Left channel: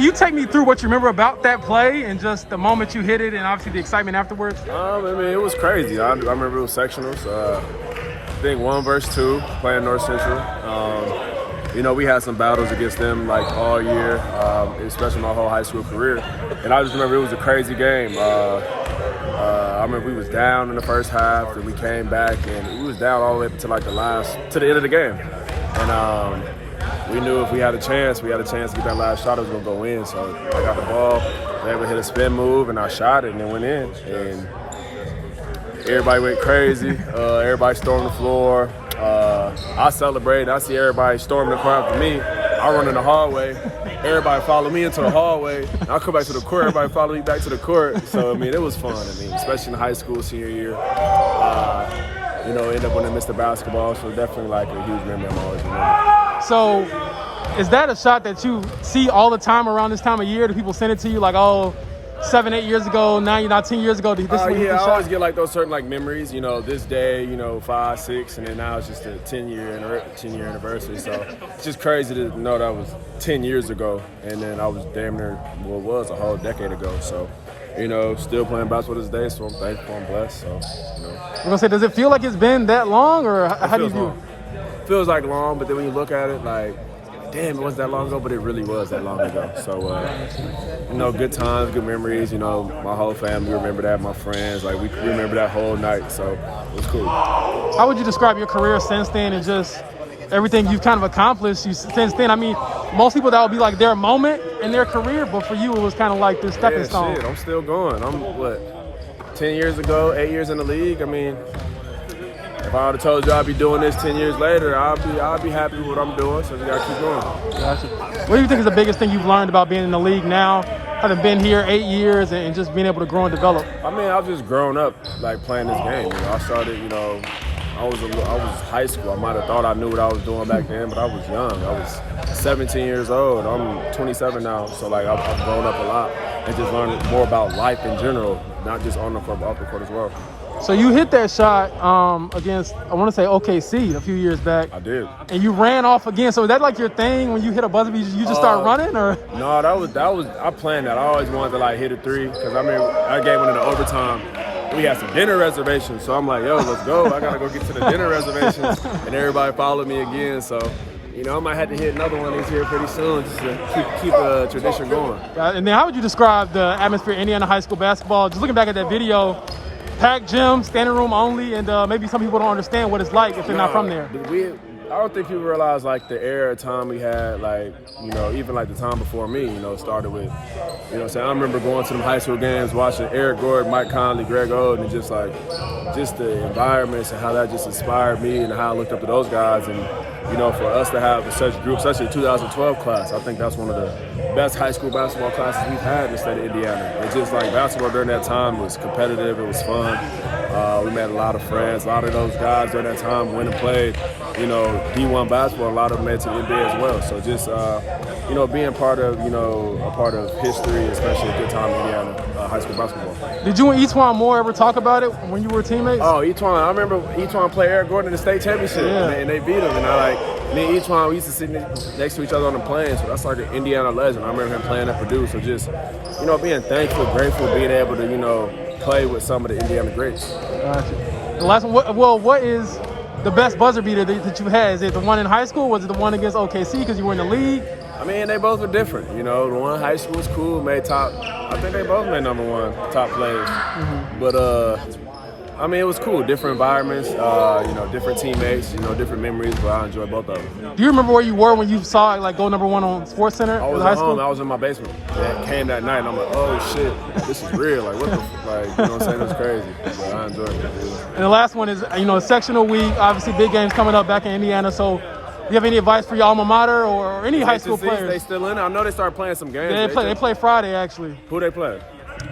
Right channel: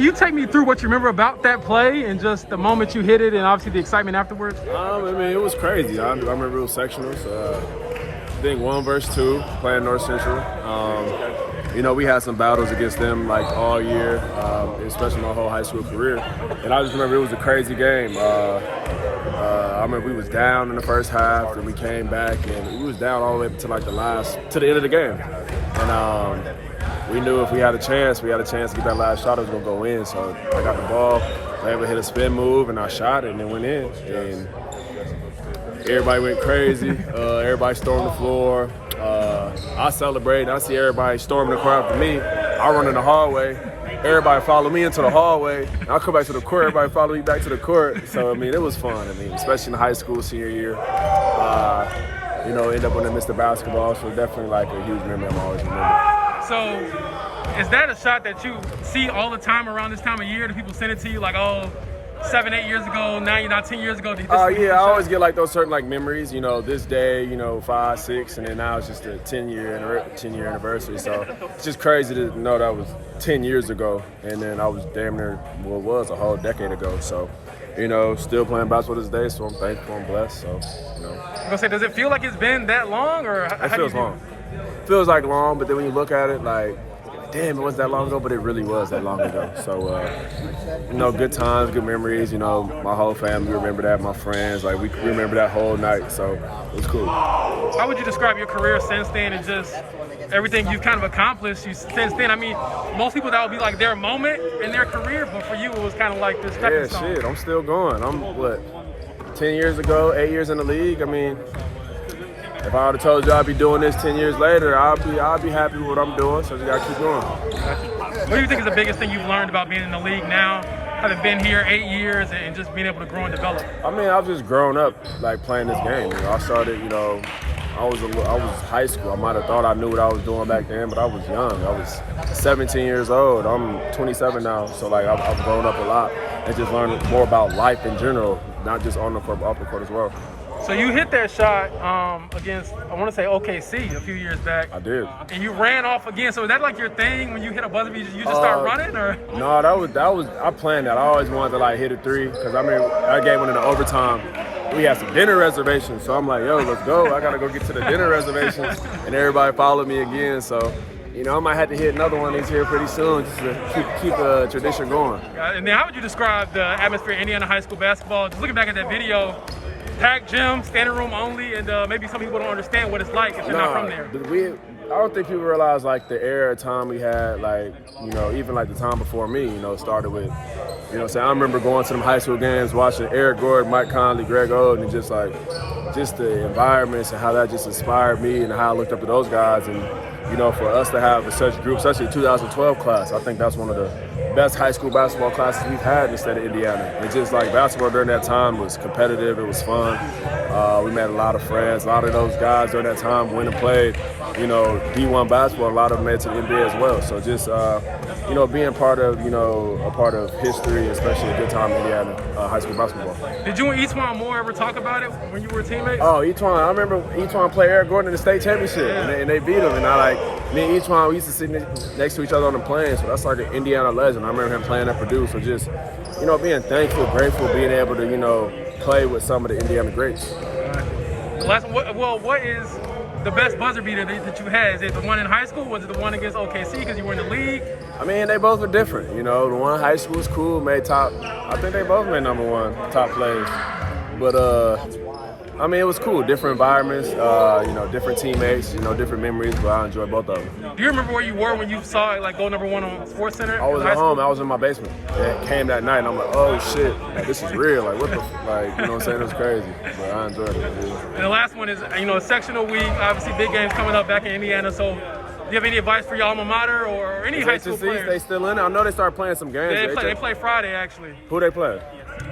Can you take me through what you remember about that play and just the moment you hit it and obviously the excitement afterwards? I mean, it was crazy. I remember it was sectionals. I think 1 versus 2 playing North Central. You know, we had some battles against them like all year, especially my whole high school career. And I just remember it was a crazy game. I remember we was down in the first half, then we came back, and we was down all the way to like to the end of the game. And we knew if we had a chance to get that last shot, it was gonna go in. So I got the ball, was able to hit a spin move, and I shot it, and it went in. And everybody went crazy. Everybody stormed the floor. I celebrated. I see everybody storming the court after me. I run in the hallway. Everybody followed me into the hallway. I come back to the court. Everybody followed me back to the court. So, I mean, it was fun. I mean, especially in high school, senior year. You know, end up winning Mr. Basketball. So definitely like a huge memory I'm always remember. So is that a shot that you see all the time around this time of year? Do people send it to you like, oh, 7, 8 years ago, 9, 10 years ago? Yeah, I always get like those certain like memories, you know, this day, you know, 5, 6, and then now it's just a 10-year anniversary. So it's just crazy to know that was 10 years ago, and then I was damn near, well, it was a whole decade ago. So, you know, still playing basketball this day, so I'm thankful and blessed. So, you know. I'm gonna say, does it feel like it's been that long, or how do you feels long. It feels like long, but then when you look at it, like, damn, it wasn't that long ago, but it really was that long ago. So, you know, good times, good memories. You know, my whole family remember that, my friends. Like, we remember that whole night, so it was cool. How would you describe your career since then and just everything you've kind of accomplished since then? I mean, most people, that would be like their moment in their career, but for you, it was kind of like this stepping stone. Yeah, shit, I'm still going. I'm, 10 years ago, 8 years in the league? I mean, if I would have told you I'd be doing this 10 years later, I'd be happy with what I'm doing, so I just got to keep going. Gotcha. What do you think is the biggest thing you've learned about being in the league now, having been here 8 years and just being able to grow and develop? I mean, I've just grown up, like, playing this game. You know, I started, you know, I was high school. I might have thought I knew what I was doing back then, but I was young. I was 17 years old. I'm 27 now, so, like, I've grown up a lot and just learned more about life in general, not just on the court, but off the court as well. So you hit that shot against, I want to say OKC a few years back. I did. And you ran off again. So is that like your thing when you hit a buzzer beater, you just start running, or? No, that was I planned that. I always wanted to like hit a 3 because I mean that game went into overtime. We had some dinner reservations, so I'm like, yo, let's go. I gotta go get to the dinner reservations, and everybody followed me again. So, you know, I might have to hit another one of these here pretty soon just to keep the tradition going. And then how would you describe the atmosphere in Indiana high school basketball? Just looking back at that video. Packed gym, standing room only, and maybe some people don't understand what it's like if they're not from there. I don't think people realize like the era of time we had, like, you know, even like the time before me, you know, started with, you know, I remember going to them high school games, watching Eric Gordon, Mike Conley, Greg Oden, and just the environments and how that just inspired me and how I looked up to those guys. And, you know, for us to have such a group, especially the 2012 class, I think that's one of the best high school basketball classes we've had in the state of Indiana. It's just like basketball during that time was competitive, it was fun. We met a lot of friends, a lot of those guys during that time went and played, you know, D1 basketball, a lot of them made to the NBA as well. So just, you know, being part of, you know, a part of history, especially a good time in Indiana high school basketball. Did you and Etwan Moore ever talk about it when you were teammates? Oh, Etwan, I remember Etwan played Eric Gordon in the state championship, and they beat him. And me and Etwan, we used to sit next to each other on the plane, so that's like an Indiana legend. I remember him playing at Purdue, so just, you know, being thankful, grateful, being able to, you know, play with some of the Indiana greats. Gotcha. The last one, what is the best buzzer beater that you've had? Is it the one in high school, or was it the one against OKC because you were in the league? I mean, they both were different. You know, the one in high school was cool, made top. I think they both made #1 top players. Mm-hmm. But, I mean, it was cool. Different environments, you know, different teammates, you know, different memories, but I enjoyed both of them. Do you remember where you were when you saw it, like, go #1 on SportsCenter? I was at home. I was in my basement. It came that night, and I'm like, oh, shit. Like, this is real. Like, what the, like, you know what I'm saying? It was crazy, but I enjoyed it. Yeah. And the last one is, you know, a sectional week. Obviously, big games coming up back in Indiana, so do you have any advice for your alma mater or any high school players? They still in it? I know they started playing some games. Yeah, they play Friday, actually. Who they play?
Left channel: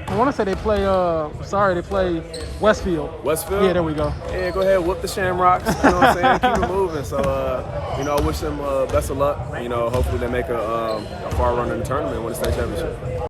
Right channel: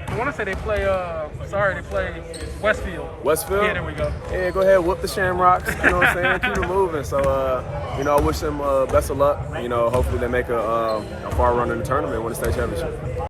I want to say they play, they play Westfield. Westfield? Yeah, there we go. Yeah, go ahead, whoop the Shamrocks. You know what I'm saying? Keep it moving. So, you know, I wish them best of luck. You know, hopefully they make a far run in the tournament and win the state championship.